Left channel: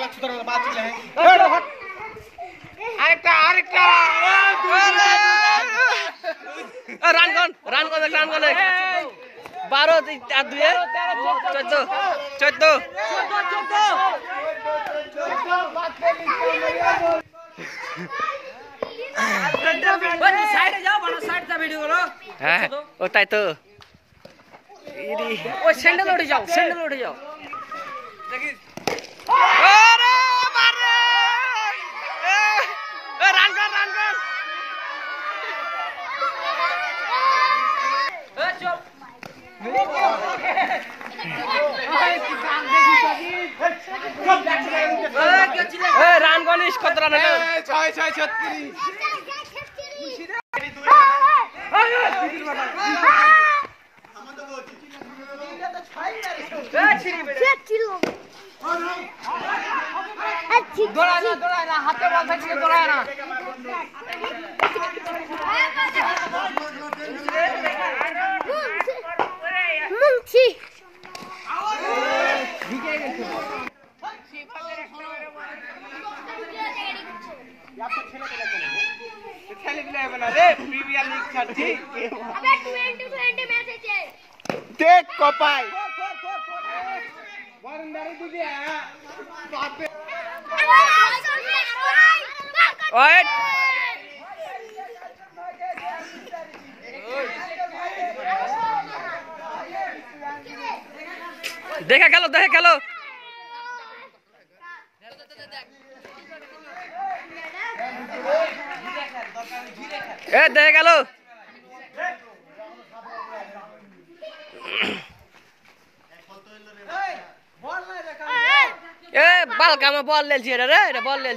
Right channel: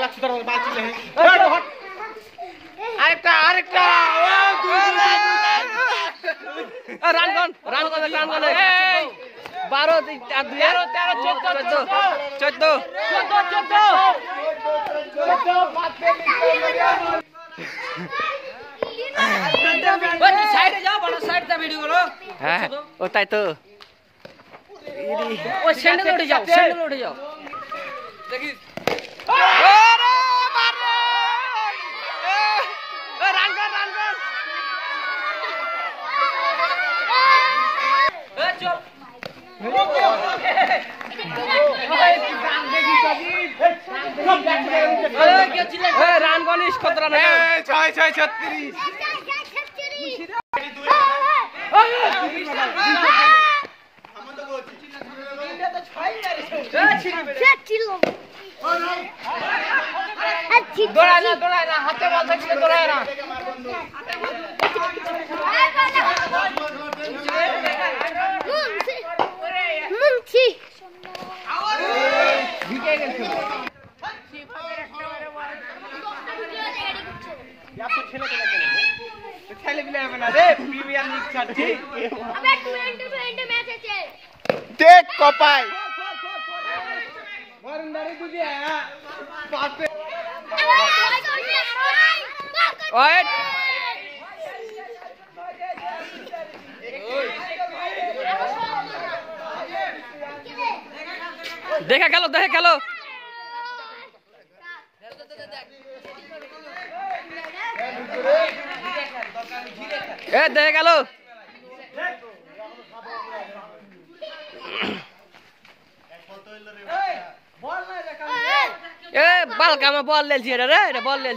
পাগলা ছুতার মতো বাঁচি না আরেকটা রান কর 12 আর 2 13 14 সাইডে যাও বড় সাইডটা ভিডিও করো হ্যাঁ ও তাই তো ওই স্যান্ডেল উঠে যাও দেখি আরে মারে রান কর রান গনিস কত রান 6-36 देख कपाई ওয়েট দেখা গেল দেখা গেল बालका में बॉल ले रे बॉल ले